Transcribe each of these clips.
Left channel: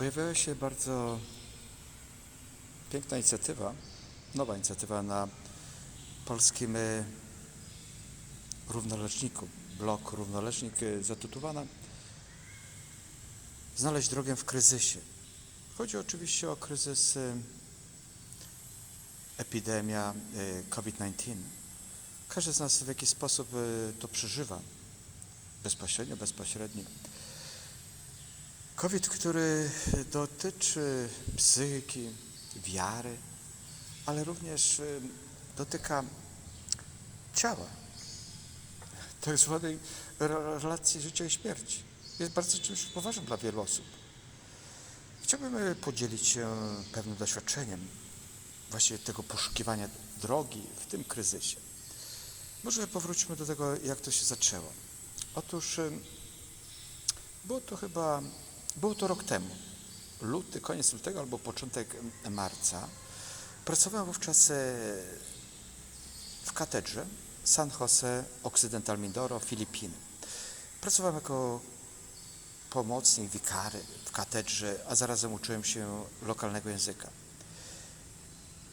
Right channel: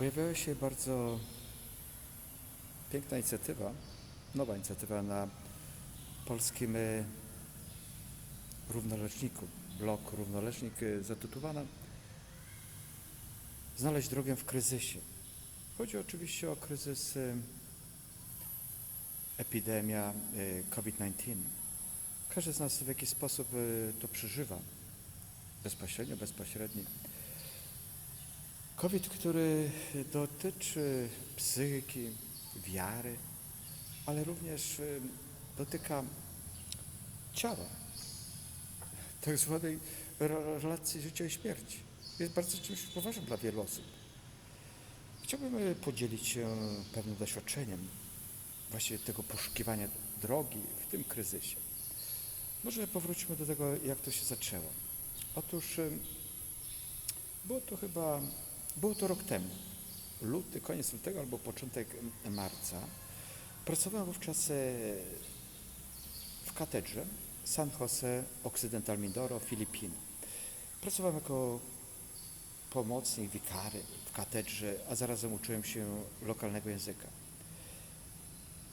Pojawiła się bardzo piękna inicjatywa, nowa inicjatywa na polskim e, równoleżniku, blok równoleżnik e, zatytułowana Znaleźć drogę w kryzysie. Chodzi oczywiście o kryzys e, epidemia e, COVID-19. Każdy z nas w jakiś sposób to przeżywa, bezpośrednio, bezpośrednio. COVID, który dotyczy psychiki, wiary, ale również y, dotyka ciała, tak zwanej re- relacji życia i śmierci. Jest bardzo czymś poważnym dla wielu osób. Chciałbym y, podzielić się pewnym doświadczeniem właśnie tego poszukiwania drogi w tym kryzysie. Może powróćmy do tego, jak to się zaczęło. Otóż y, było to chyba, było to rok temu, luty, koniec lutego albo początek marca. Pracowałem wówczas e, w katedrze San Jose Occidental Mindoro, Filipiny. Pracowałem jako pomocnik, wikary w katedrze, a zarazem uczyłem się lokalnego języka.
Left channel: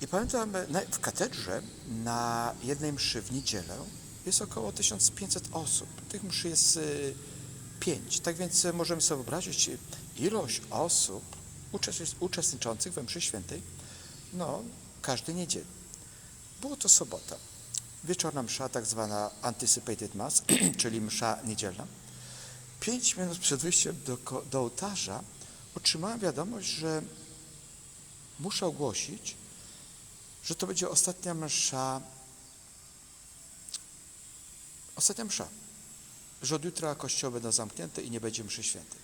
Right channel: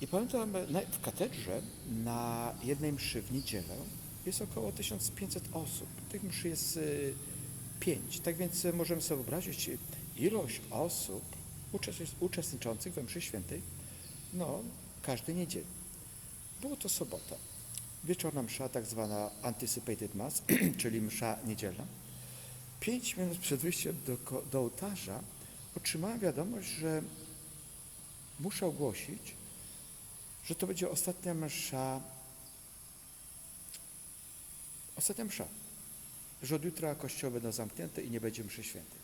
I pamiętam, e, w katedrze na jednej mszy w niedzielę jest około 1500 osób. Tych mszy jest e, pięć. Tak więc e, możemy sobie wyobrazić e, ilość osób uczestnic- uczestniczących we mszy świętej, no, każdej niedzieli. Było to sobota. Wieczorna msza, tak zwana anticipated mass, czyli msza niedzielna. Pięć minut przed wyjściem do, do ołtarza otrzymałem wiadomość, że muszę ogłosić, że to będzie ostatnia msza, ostatnia msza, że od jutra kościoły będą zamknięte i nie będzie mszy świętej.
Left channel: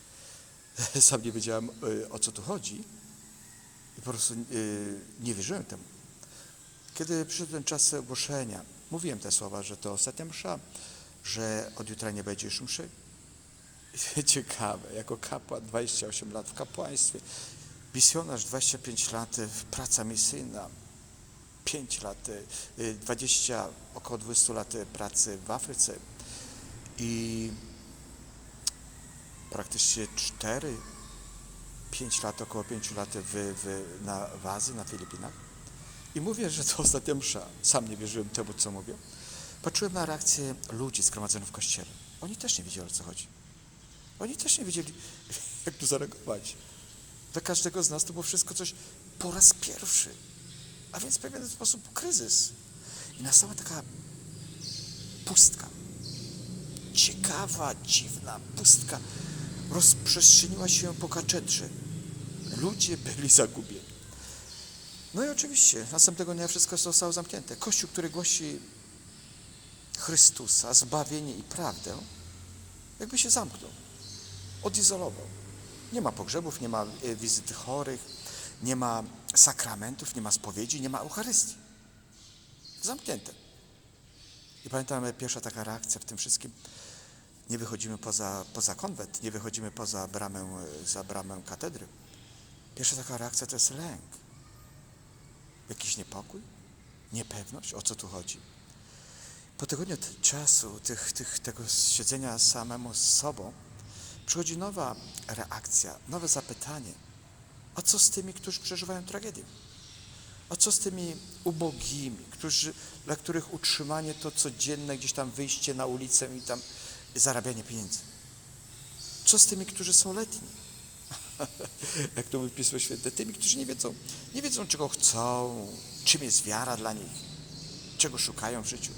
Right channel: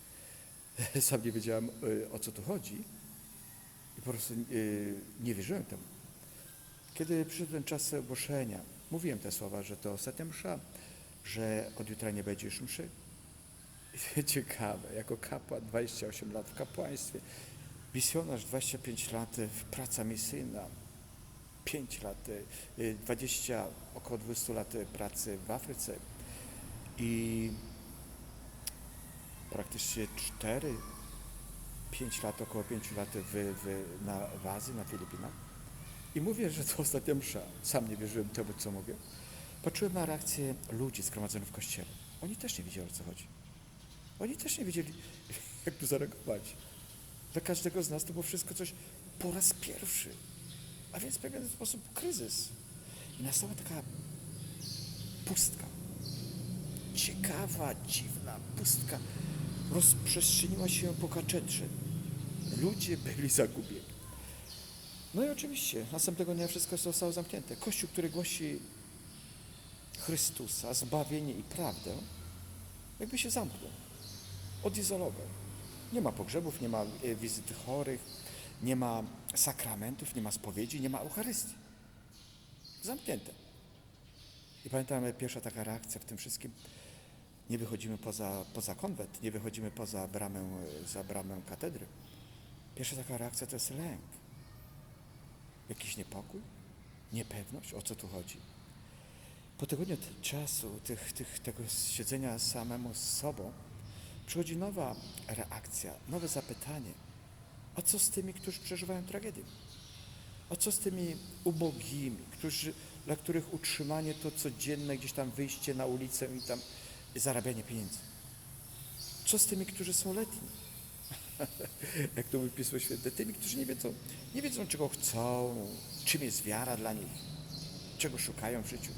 Sam nie wiedziałem, y, o co tu chodzi i po prostu y, nie wierzyłem temu. Kiedy przyszedł ten czas ogłoszenia, mówiłem te słowa, że to ostatnia msza, że od jutra nie będzie już mszy. Ciekawe, jako kapłan 28 lat w kapłaństwie, misjonarz 25 lat, praca misyjna, 5 lat, y, 20, około 20 lat pracy w Afryce i praktycznie 4, 5 lat, około 5 lat w, w, na, w Azji, na Filipinach. I mówię, że to ostatnia msza. Sam nie wierzyłem temu, co mówię. Patrzyłem na reakcję ludzi zgromadzonych w kościele. Oni też nie wiedzieli, o co chodzi. Oni też nie wiedzieli, jak tu zareagować. Dla każdego z nas to było wszystko coś po raz pierwszy. A więc w pewien sposób kryzys. I nastała taka pustka. Ciekawa, dziwna pustka rozprzestrzeniła się po katedrze. Ludzie byli zagubieni. No i oczywiście następnego dnia wszystko zostało zamknięte. Kościół, który głosi Chrystusa, zbawienie i prawdę, jakby się zamknął, odizolował. Nie ma pogrzebów, nie ma e, wizyty chorych, nie ma sakramentów, nie ma spowiedzi, nie ma Eucharystii. Zamknięte. I pamiętam pierwsza taka reakcja w tym wszystkim. Nie wychodzimy poza, poza konwent, nie wychodzimy poza bramę, za bramę katedry. Pierwsza taka reakcja to jest lęk. Jakiś niepokój, niepewność, o co tu chodzi. Po tygodniu czasu, tych, tych, tego siedzenia samemu z sobą, przychodzi nowa reakcja, nowe zapytanie. A co z tymi, którzy przeżywają tragedię? A co z tymi ubogimi, którzy, dla których utrzymanie to codzienne gdzieś tam wyjście na ulicę i tam zarabianie pieniędzy? Co z tymi, którzy są letni? Jak to mówi Pismo Święte, tymi, którzy nie wiedzą, nie wiedzą, czego chcą, czym jest wiara dla nich, czego szukają w życiu.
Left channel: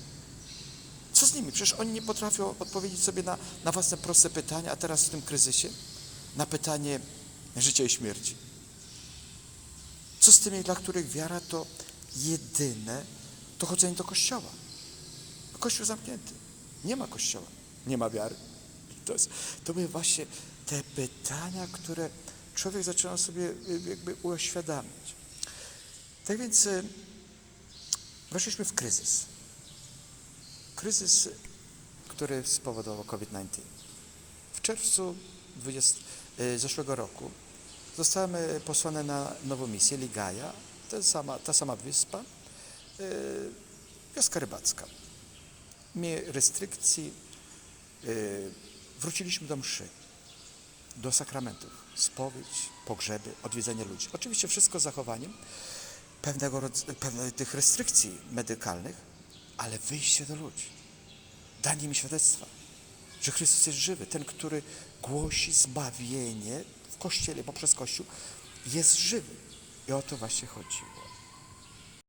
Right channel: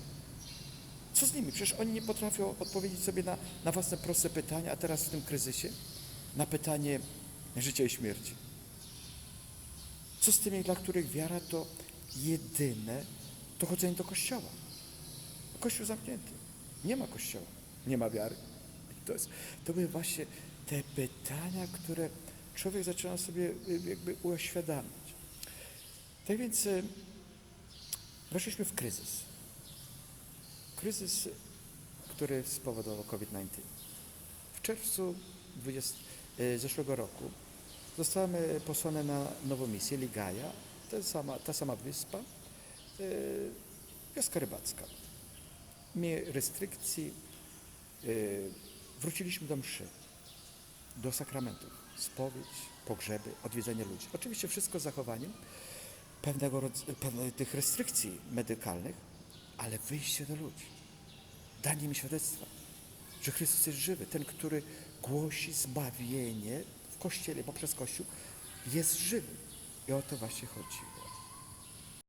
Co z nimi? Przecież oni nie potrafią odpowiedzieć sobie na, na własne proste pytania, a teraz w tym kryzysie na pytanie życia i śmierci. Co z tymi, dla których wiara to jedyne to chodzenie do kościoła? Kościół zamknięty. Nie ma kościoła, nie ma wiary. To, jest, to były właśnie te pytania, które człowiek zaczyna sobie y, jakby uświadamiać. Tak więc y, weszliśmy w kryzys. Kryzys, który spowodował COVID-19. W czerwcu 20, y, zeszłego roku zostałem posłany na nową misję Ligaja, ta sama, ta sama wyspa, y, wioska rybacka. Mniej restrykcji, y, wróciliśmy do mszy. do sakramentów. Spowiedź, pogrzeby, odwiedzenie ludzi. Oczywiście wszystko z zachowaniem pewnego pewnych tych restrykcji medykalnych, ale wyjście do ludzi. Danie mi świadectwa, że Chrystus jest żywy. Ten, który głosi zbawienie Kościele, poprzez Kościół, jest żywy. I o to właśnie chodziło.